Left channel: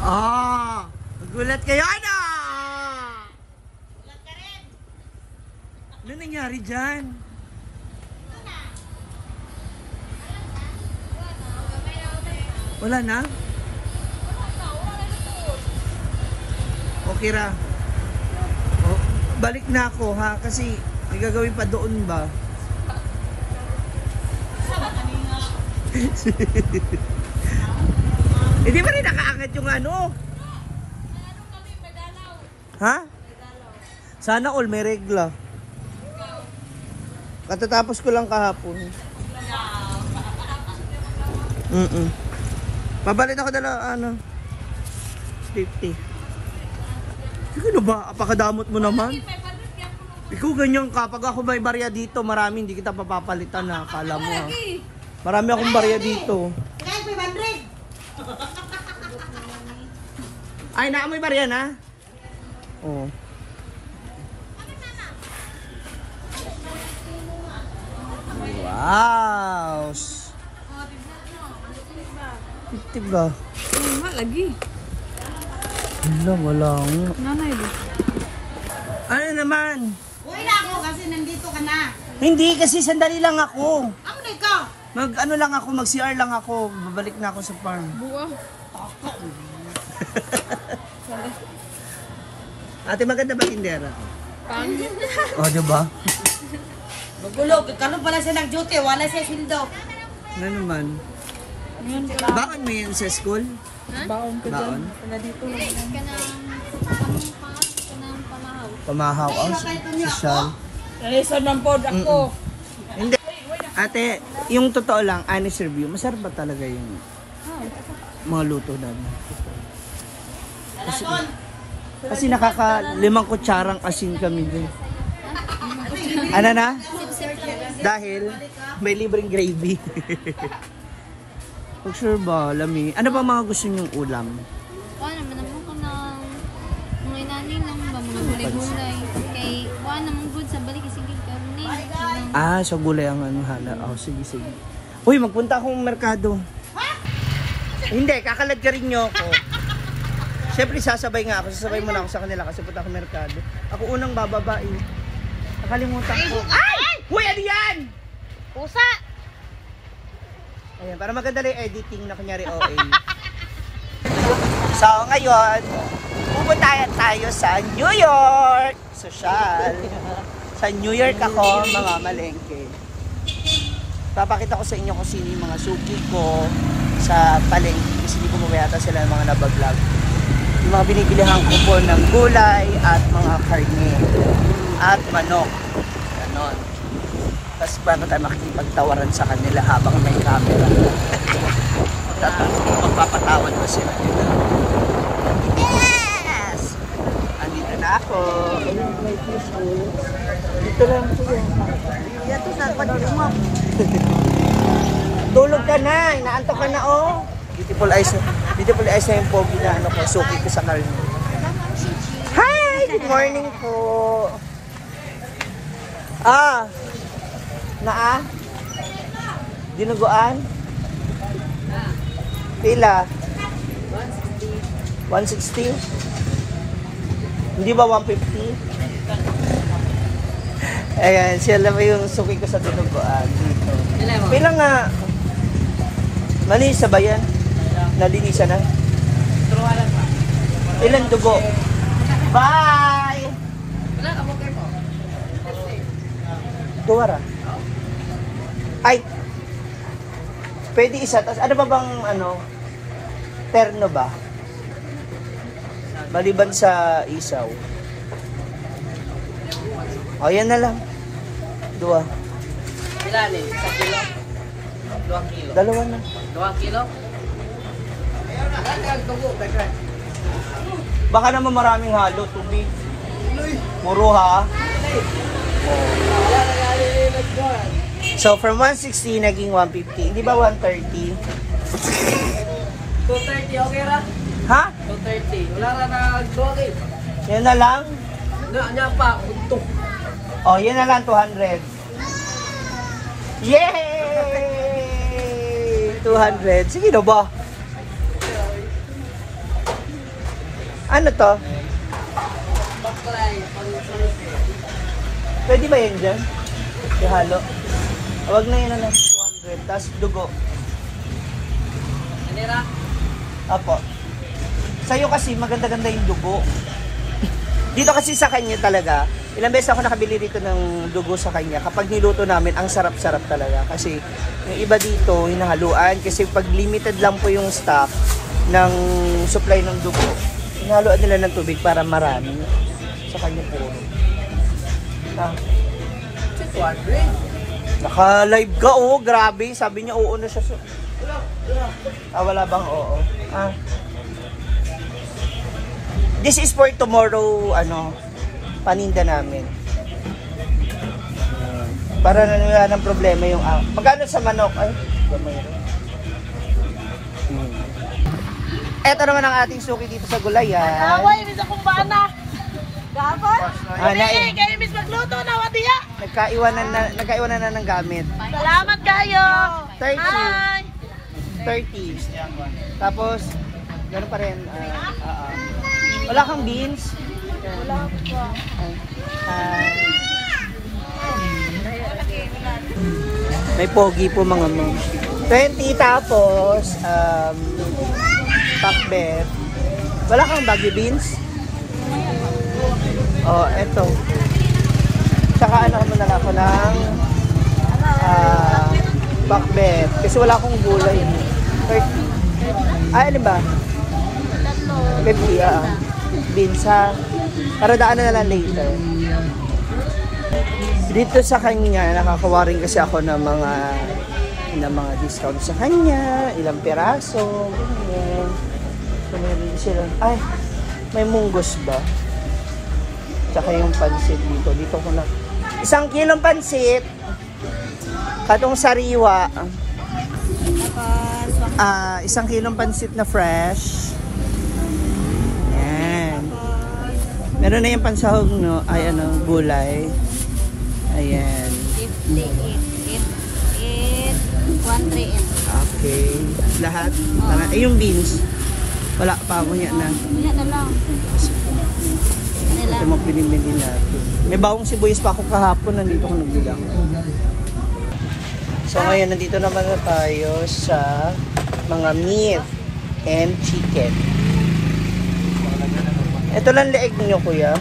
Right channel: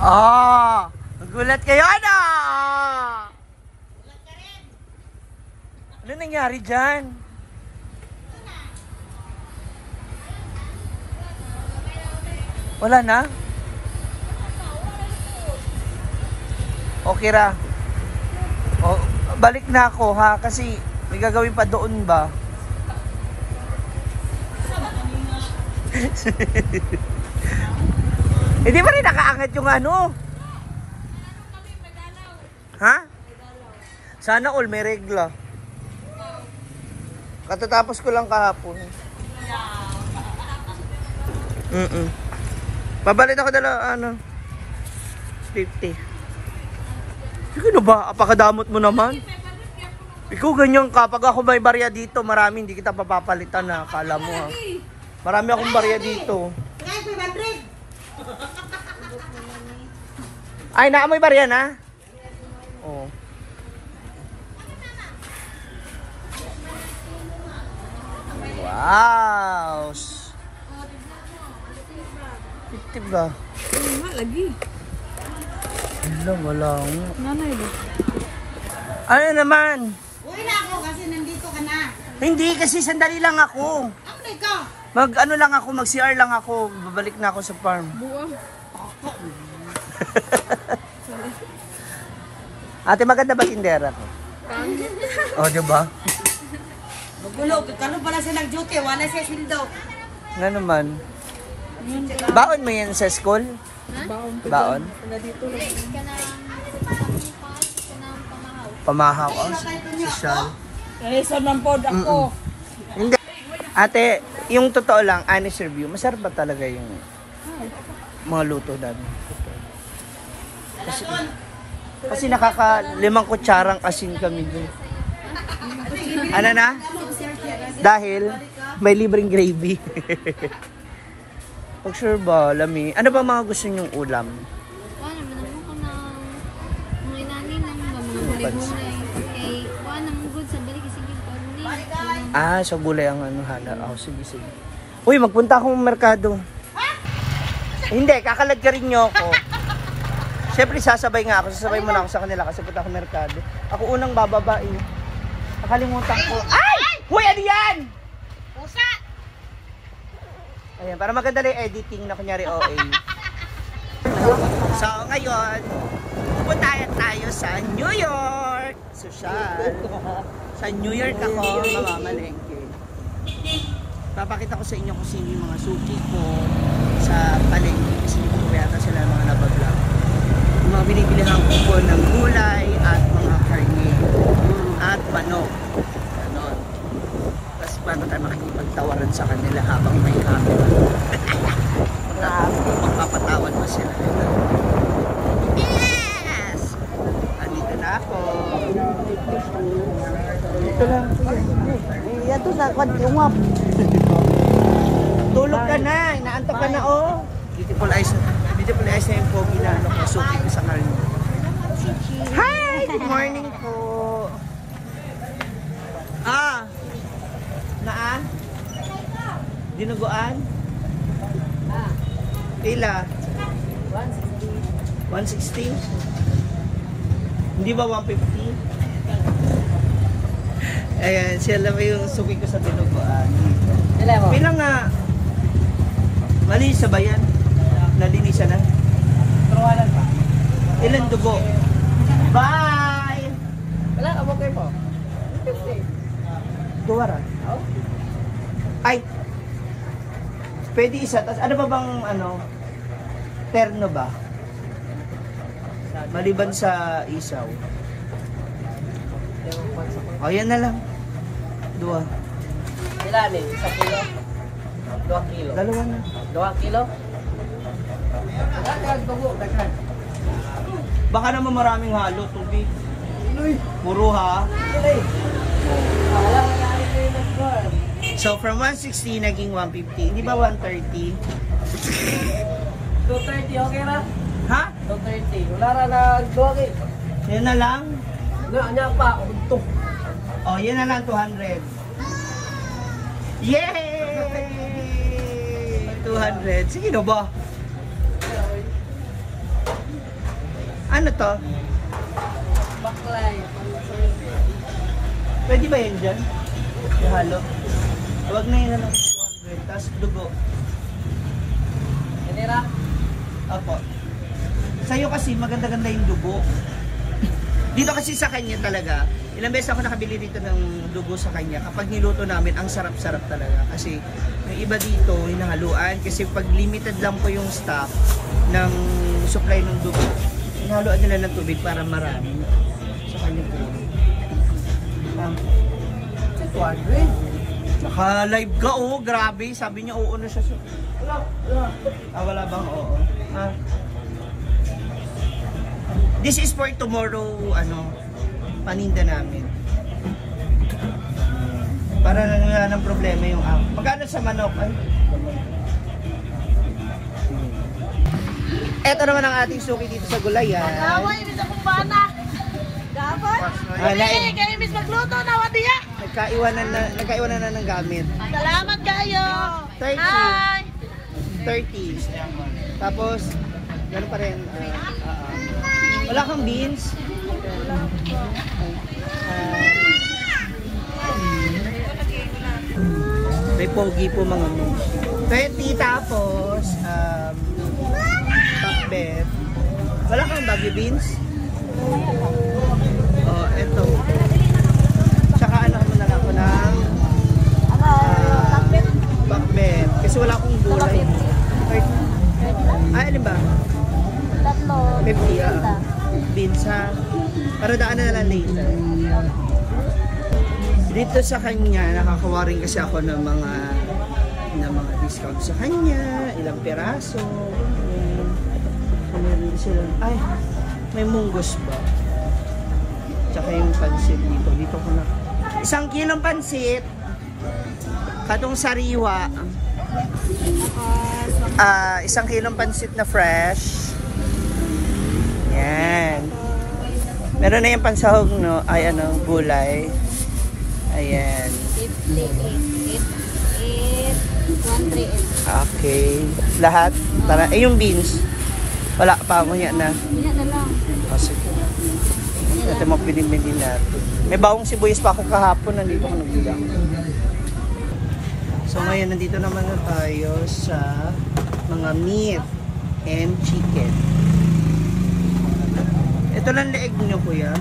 Ah! Nagulat kayo, ano? Gulat ka rin. Ano nangyari dyan? Wala na? Okay ra. Oh, balik na ako ha kasi may gagawin pa doon ba? Hindi ba rin nakaangat yung ano? Ha? Sana all may regla. Katatapos ko lang kahapon. Pabalit ako dala, ano? 50. Ano ba? Apakadamot mo naman. Ikaw ganyan, kapag ako may barya dito, marami, hindi kita papapalitan na. Akala mo ha. Marami akong barya dito. Guys, 500. Ay, naamoy barya na? Oo. Wow! 50 ba? Lagi. Wala. Nanay ba? Ano naman? Uwi na ako kasi nandito ka na. Hindi, kasi sandali lang ako. Ako na ikaw. Mag-ano lang ako, mag-CR lang ako. Babalik na ako sa farm. Buwa. Ate, maganda ba tindera ko? O, diba? Magulog. Karoon pala siya nag-duty. Wala siya sildo. Nga naman. Baon mo yan sa school? Baon ko Baon? na dito. Pamahaw. Oh, social. Nalisan ng pod ako. Hindi. Ate, yung totoo lang, honest review, masarap ba talaga yung mga luto namin? Kasi nakaka-5 kutsarang asin kami din. Ano na? Dahil may libreng gravy. Pag sure ba, lami. Ano ba mga gusto nyong ulam? Wala naman naman ko ng mga inanin lang ba, mga gulay-gulay. Kay wala naman good sa balik kasi karne. Ah, so gulay ang ano hala. Oh, sige, sige. Uy, magpunta akong merkado. Hindi, kakalad ka rin nyo ako. Siyempre, sasabay nga ako. Sasabay muna ako sa kanila kasi punta akong merkado. Ako unang bababa eh. Nakalimutan ko. Ay! Uy, ano yan? Pusa. Ayan, para maganda lang editing na kunyari OA. So, ngayon, pupunta tayo sa New York. Social. Sa New York ako, mamamalengke. Papakita ko sa inyo kung sino yung mga suki ko sa palengke. Kasi hindi ko mamayata sila ng mga nabablog. Yung mga binibilihan ko po ng gulay at mga karne. At manok. Ganon. Tapos paano tayo makikipagtawaran sa kanila habang may camera. Magpapatawad ba sila nila? Yes! Andito na ako. Dito lang po yan. Ito na, lumap. Tulog ka na, inaantok ka na oh. Beautiful eyes na yung pogi na ano ko, suki ko sa karne. Hi! Good morning po. Dinuguan? Pila? 160. 160? Hindi ba 150? Ayan, sila ba yung suki ko sa dinuguan dito. Pila nga? Malinis ba yan? Nalinisan na? Ilan dugo? Bye! Wala ka mo kayo po. Duwara. Ay! Pwede isa. Tapos ano ba bang ano? Terno ba? Maliban sa isaw. O, yan na lang. Dua. Ilan eh? 1 kilo? 2 kilo? Dalawa na. 2 kilo? Baka naman maraming halo, tubig. Puro ha? So, from 160, naging 150. Hindi ba 130? 230, okay ra? Ha? 230. Wala na nagduwag eh. Yan na lang? Nga pa, untok. Oh, yan na lang, 200. Yay! 200. Sige na ba? Ano to? Baklay. Pang-source. Pwede ba yan dyan? Ihalo. Huwag na yun, 200. Tapos dugo. Ganira. Apo. Sa'yo kasi maganda-ganda yung dugo. Dito kasi sa kanya talaga, ilang beses ako nakabili dito ng dugo sa kanya. Kapag niluto namin, ang sarap-sarap talaga. Kasi yung iba dito, hinahaluan. Kasi pag limited lang po yung stock ng supply ng dugo, hinahaluan nila ng tubig para marami. Sa kanya puro. Ah. 200. Naka-live ka, oh. Grabe. Sabi niya, oo na siya. Wala bang oo? Ah. This is for tomorrow, paninda namin. Para wala ng problema yung magkano sa manok? Ay, gamay rin. Ito naman ang ating suki dito sa Gulayan. Away, bisa kong bana. Dapat? Kaya miss magluto na, wadiya. Nagkaiwanan na ng gamit. Salamat kayo. 30. Hi. 30. Tapos, gano'n pa rin. Wala kang beans? Wala pa. May pogi po mga mo. 20 tapos, pakbet. Wala kang baggy beans? Oh, eto. Tsaka mo na lang ako ng pakbet. Kasi wala akong gulay. 30. Alin ba? 50, beans ha. Para daanan na lang later. Dito sa kanya, nakakawa rin kasi ako ng mga discount sa kanya. Ilang piraso. Ganyan. So, meron sila. Ay, may munggos ba? Tsaka yung pansit dito. Dito ko na. 1 kilong pansit. Katong sariwa. 1 kilong pansit na fresh. Yan. Meron na yung pansahog, no? Ay, gulay. Ayan. 138. Okay. Lahat? Para, yung beans. Wala pa mo yan na. Wala na lang. Kasi, ito mo pinimili natin. May bawang sibuyas pa ako kahapon. Nandito ko nagbilang. So, ngayon, nandito naman na tayo sa mga meat and chicken. Ito lang leeg nyo, kuya.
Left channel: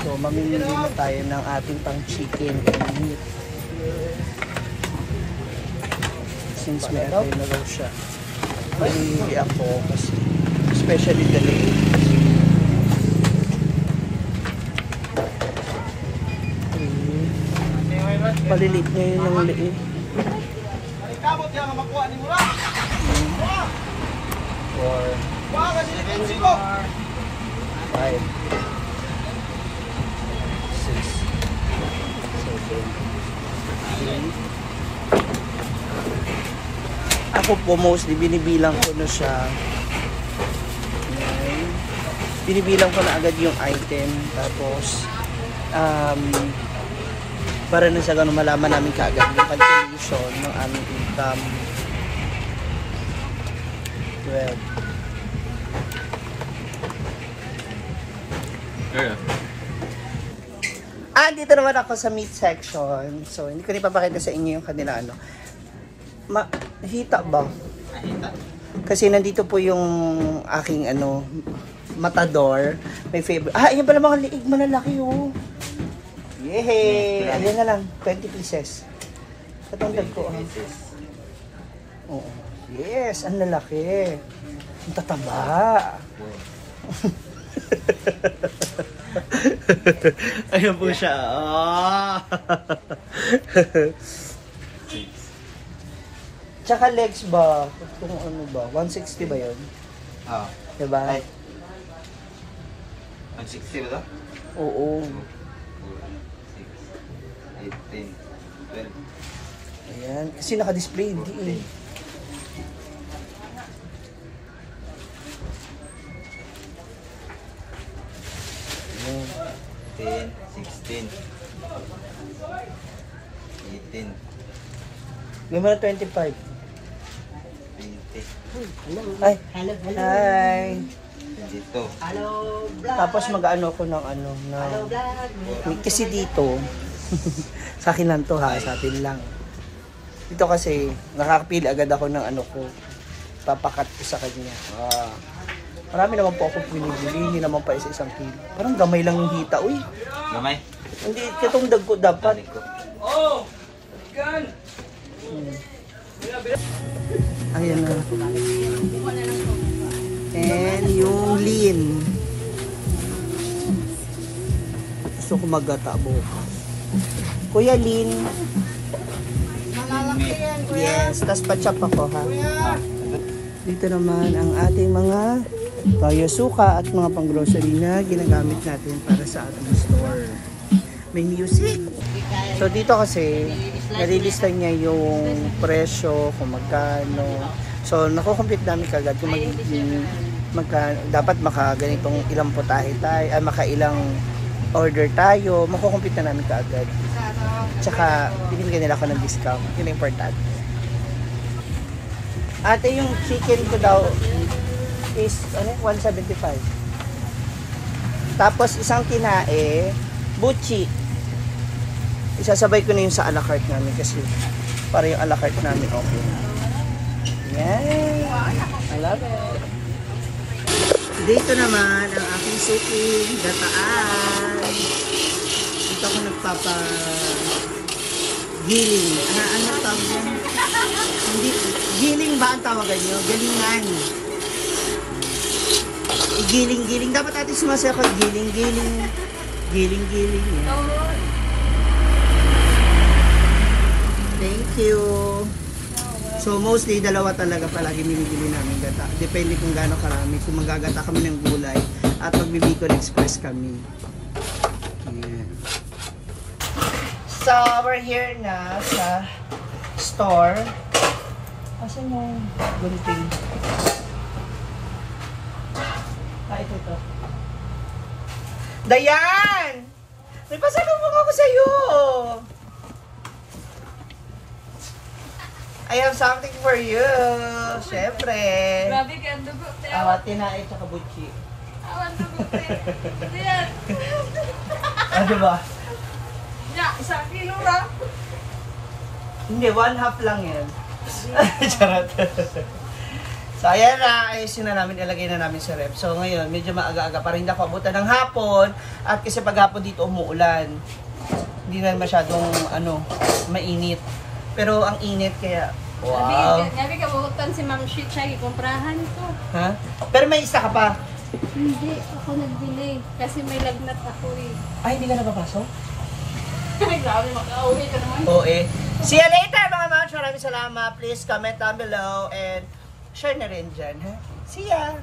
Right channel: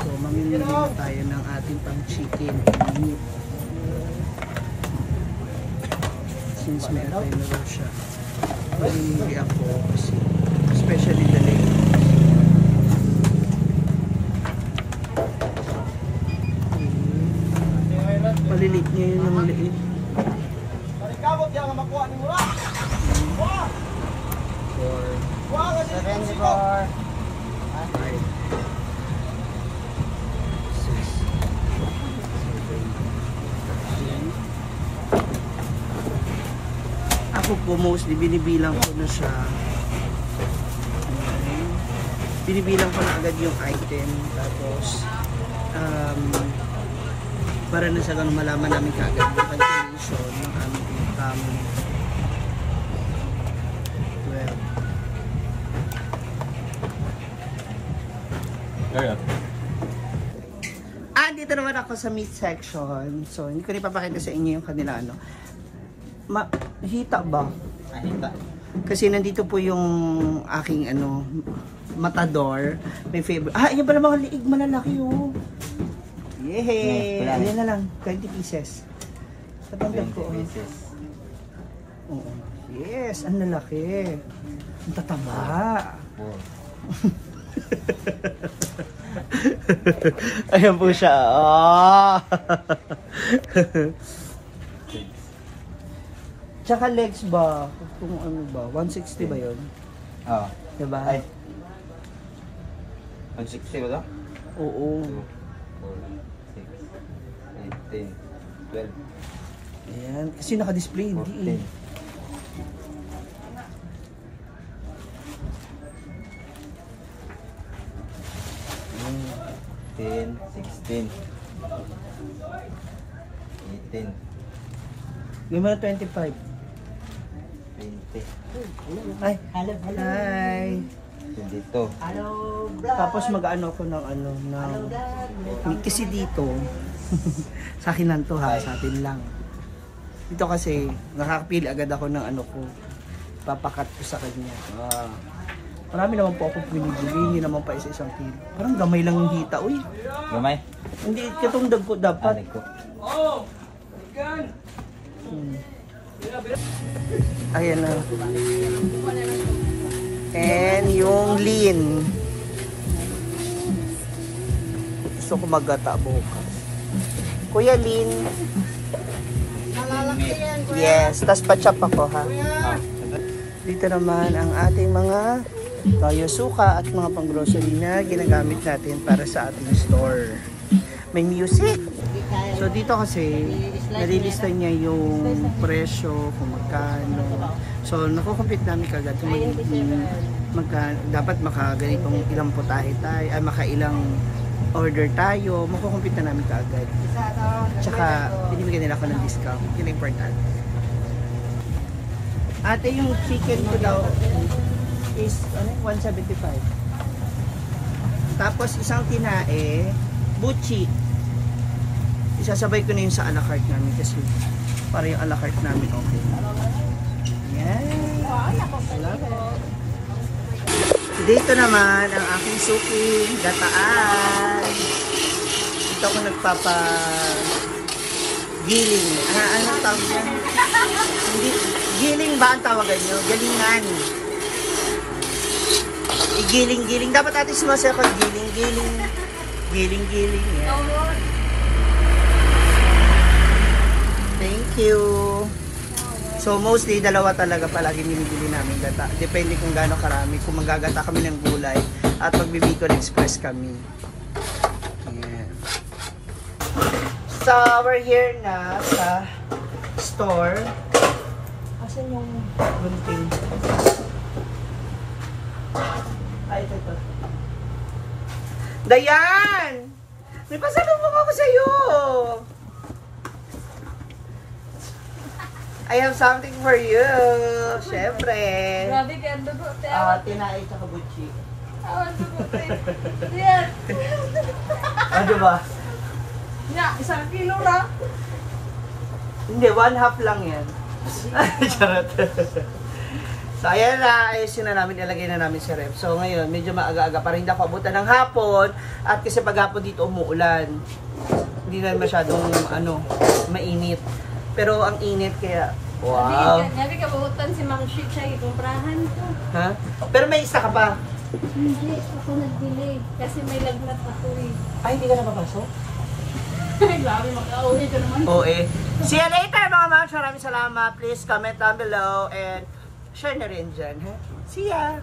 So, mamimili na tayo ng ating pang chicken and meat. Since may atay na raw siya, mamimili ako kasi, especially the leeg. Palilit niya yun ng leeg. Five. 6, 7, 8. Ako po mostly binibilang ko na siya. Okay. Binibilang ko na agad yung item. Tapos para na sa ganun malaman namin kaagad yung calculation ng aming income. 12. Dito naman ako sa meat section. So, hindi ko ipapakita sa inyo yung kanila hita ba? Kasi nandito po yung aking matador. May favorite. Yan pala mga liig malalaki oh. Yehey! Ayan na lang. 20 pieces. Patandag ko. Oo. Yes, ang lalaki. Ang tataba. Ayan po siya. Oh. Tsaka legs ba? Kung ano ba? 160 ba yun? Oo. Diba? 160 ba ito? Oo. 4, 6, 8, 10, 12. Ayan. Kasi naka-display. Hindi eh. 10, 16, 18, May mga 25. 20. Ay, hi. Dito. Tapos mag-ano ko ng kasi dito, sa akin lang to ha, sa atin lang. Dito kasi, nakakapili agad ako ng ko, papakat ko sa kanya. Marami naman po ako pinibili, hindi naman pa isa-isang kilo. Parang gamay lang yung hita, uy. Gamay? Hindi, itong dagko dapat. Ayan na. And yung lean. Gusto ko maggata bukas. Kuya Lin. Yes, tas pa-chop ako ha. Dito naman ang ating mga toyo suka at mga pang-grocery na ginagamit natin para sa ating store. May music. So dito kasi, nalilista niya yung presyo, kung magkano. So nakukomplete namin kagad kung dapat makaganitong ilang putahe tayo, makailang order tayo, makukomplete na namin kagad. Tsaka, binibigyan nila ako ng discount. Yun ang importante. Ate, yung chicken ko daw is 175. Tapos, isang tinae, buchi. Isasabay ko na yung sa a la carte namin kasi para yung a la carte namin okay. Yeah! I love it! Dito naman ang aking suking gataan. Dito ako giling. Ano tawag yan? Hindi, giling ba ang tawagan nyo? Galingan. Giling-giling. Dapat atin sumasaya ko. Giling-giling. Giling-giling. Yeah. Thank you. So mostly, dalawa talaga palagi binibili namin gata. Depende kung gaano karami. Kung magagata kami ng gulay at magbibicol express kami. Yeah. So, we're here na sa store. Asan yung gunting? Ito. Dayan! Nagpasalubong ako sa'yo! I have something for you. Siyempre. Grabe kaya dugo. Tinae at kabuchi. Awan dugo. Yan. Diba? Ya, 1 kilo lang. Hindi, 1/2 lang yan. Charot. So, ayan na. Ayusin na namin. Ilagay na namin sa ref. So, ngayon, medyo maaga-aga. Para hindi ako abutan ng hapon. At kasi pag hapon dito umuulan. Hindi na masyadong, mainit. Pero ang init kaya, wow. Nabi ka mautan si Ma'am Shit na ikomprahan ko. Ha? Pero may isa ka pa. Hindi, ako nag-delay. Kasi may lagnat ako eh. Ay, hindi ka napapasok? Ay, grabe, mag-auwi ka naman. Oo eh. See you later mga ma'am. Maraming salamat. Please comment down below and share na rin dyan. Ha? See ya!